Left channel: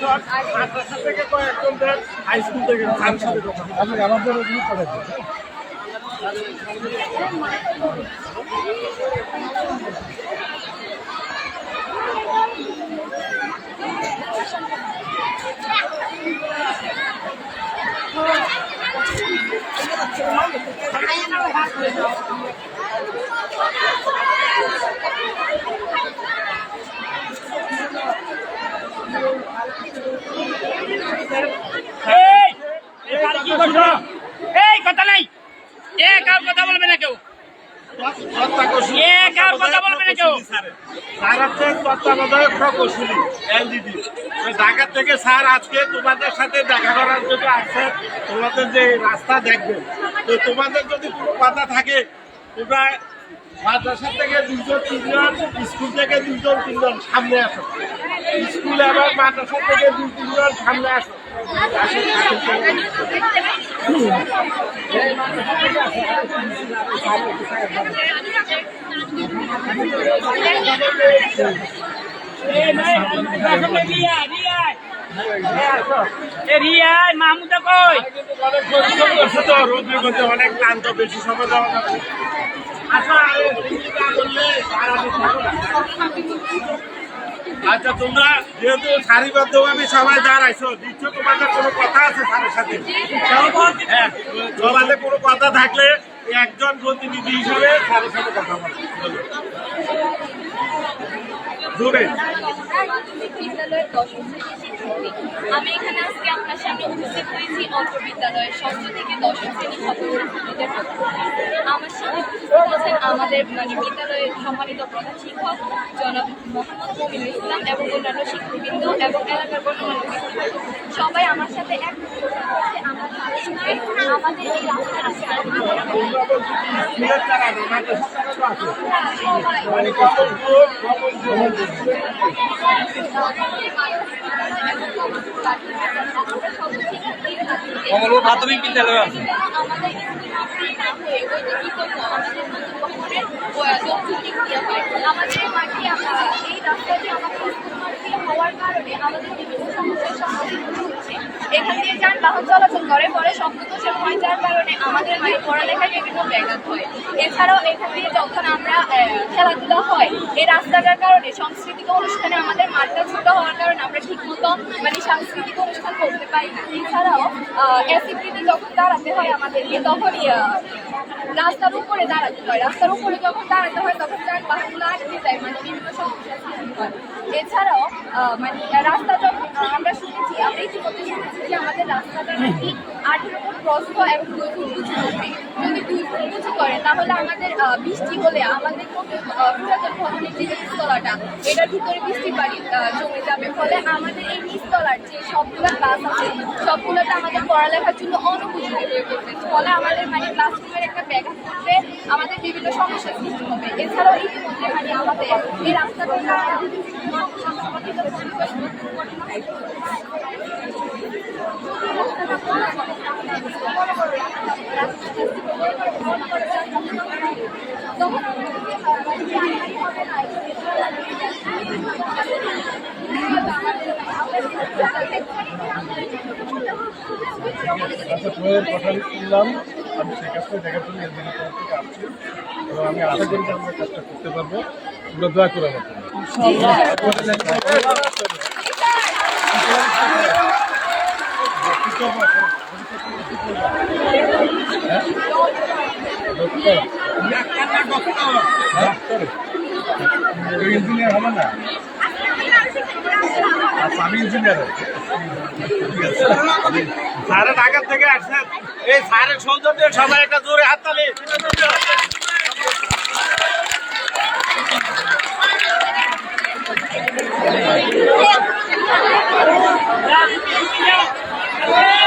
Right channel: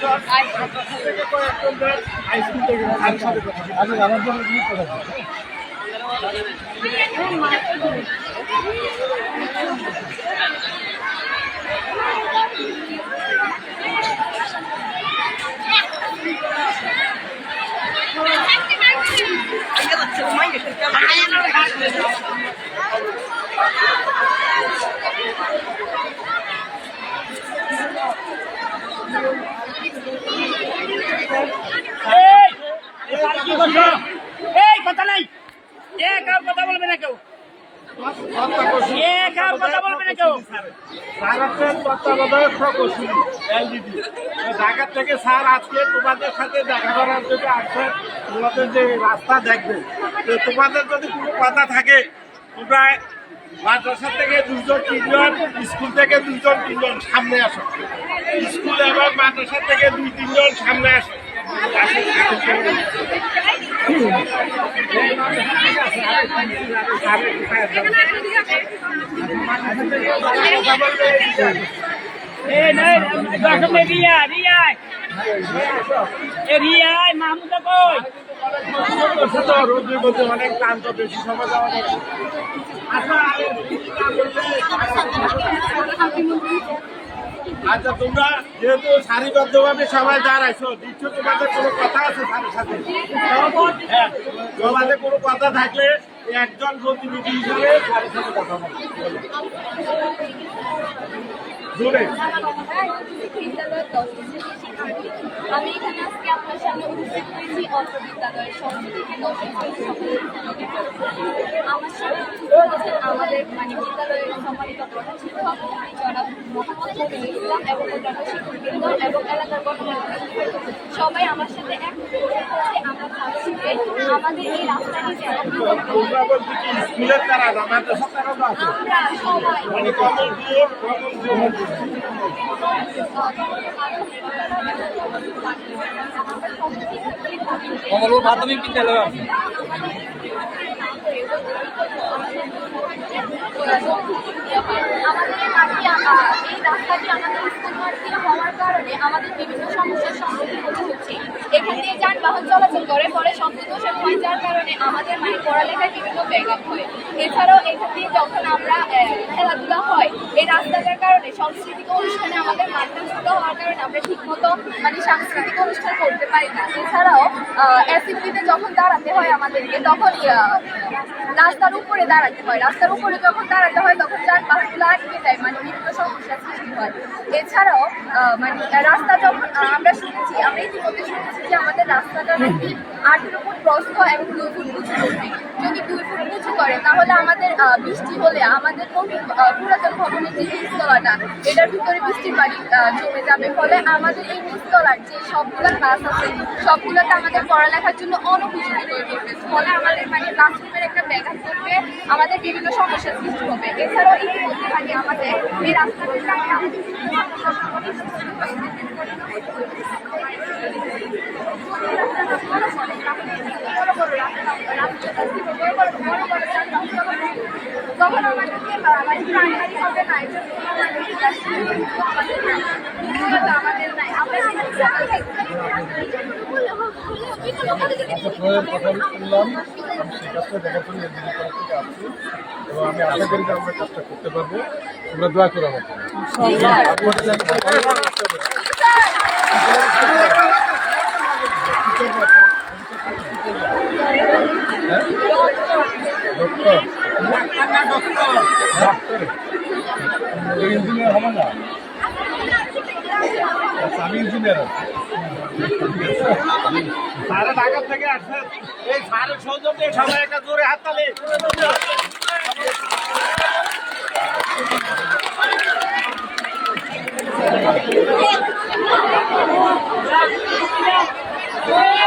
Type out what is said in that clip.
মাদ্রাসা থেকে কয়েকজনদের high school থেকে স্যারের সাথে কথা আমাদের কথা নাই কথা বলবে না কেউ তত্ত্বাবধায়ক প্রকৌশলী এলজিডি ঢাকা থেকে স্যার আজকে তোমাদের সাথে দেখা করার জন্য আসছেন। তোমাদের যে রাস্তা দেখবে, তো তোমাদের যদি কোনো কথা থাকে তোমরা মাদ্রাসা থেকে 2-3 জন, স্কুল থেকে 2-3 জন সামনে আসো। স্কুল এবং মাদ্রাসা থেকে 2-3 জন সামনে আসো। মাহমুদা কই অনেক ক্লান্ত, বেশি সময় দেওয়া যাবে। আচ্ছা, তোমরা যেহেতু সারিবদ্ধভাবে সবাই দাঁড়াইছো, দিচ্ছ তোমাদের কোনো কথা আছে স্যারের সাথে? হ্যাঁ, তোমাদের কোনো কথা থাকলে একজন প্রতিনিধি হিসাবে স্যারের সাথে কথা বলো। আমি এখানে আজকে আপনার সামনে উপস্থিত হয়েছি অত্র বিদ্যালয়ের 6ষ্ঠ থেকে 10ম শ্রেণীর ছাত্রছাত্রীদের পক্ষ থেকে। আমার সাথে উপস্থিত আছেন আমাদের বিদ্যালয়ের সম্মানিত প্রধান শিক্ষক জনাব মোহাম্মদ মমিনুল ইসলাম এবং অন্যান্য শিক্ষকবৃন্দ এবং এলাকার গণমান্য ব্যক্তিবর্গ। সবাই আমার সাথে এক আমাদের এই রাস্তায় আছে প্রাথমিক বিদ্যালয় আছে। আমাদের মাঠে এই রাস্তাটি আমাদের স্কুল মাঠ দিয়ে হওয়ার কারণে আমাদের বিভিন্ন সমস্যার সম্মুখীন হতে হচ্ছে। এখান দিয়ে যানবাহন চলাচল করে, পরে শব্দদোষ এবং যার কারণে আমাদের মানে পড়ালেখায় বিভিন্ন ব্যাঘাত হয়। এছাড়াও এখান দিয়ে যখন আমরা খেলাধুলা হয়, এই রাস্তাটার কারণে সাংস্কৃতিক অনুষ্ঠানে আমাদের মাঠটা ছোট হওয়ার কারণে আমরা ঠিকমতো মানে সাংস্কৃতিক অনুষ্ঠান করতে পারি না। এছাড়াও অ্যাসেম্বলিতে যখন দাঁড়াতে হয় আমাদেরকে, তখন রাস্তার উপরে দাঁড়াতে হয়। রাস্তার উপরে যখন দাঁড়াতে হয় তখন যানবাহনগুলো আটকে যায়, মানে বিভিন্ন সমস্যার সৃষ্টি হয়। এছাড়াও মানে রাস্তা যখন আমরা ইতিমধ্যে শুনেছি যে আমাদের রাস্তাটা নাকি 18 ফুট প্রস্থ এবং 2 ফুট উঁচু করবে। যদি 2 ফুট উঁচু করে তাহলে আমাদের বৃষ্টি হলে আমাদের পুরাতন ভবনের যে নিচতলাটা, এটার ভিতরে বৃষ্টির পানি জমে যাবে। ফলে আমাদের এই নিচতলার যে সবগুলো ক্লাস আছে সবগুলোতে আমাদের পড়ালেখার জন্য অনুপযোগী হয়ে পড়বে। ফলে আমাদের মানে ক্লাসরুমের একটা ব্যাঘাত করবে, আমাদের বিভিন্ন সমস্যার সৃষ্টি হবে। এছাড়াও ইতিমধ্যে মানে আমাদের এই রাস্তাটার কারণে আমাদের বিভিন্ন সমস্যার সম্মুখীন তখন আমাদেরকে মানে প্রাণহানি হবে না, এটা আমাদের নাই। আমরা কথা শুনলাম, আমি সেই কাজটা দেখার জন্য এলজিডি তরফ থেকে আসছি এবং আমি আশা করি যে আমরা কাজটা করতে পারবো। তোমরা দোয়া করো আমার জন্য। ইঞ্জিনিয়ার হবে না? আচ্ছা, আমি ইঞ্জিনিয়ার। স্যারের ঢাকা থেকে আসছেন, এই স্যারের সৌজন্যে সবাই একটা জোরে হাততালি। Yeah.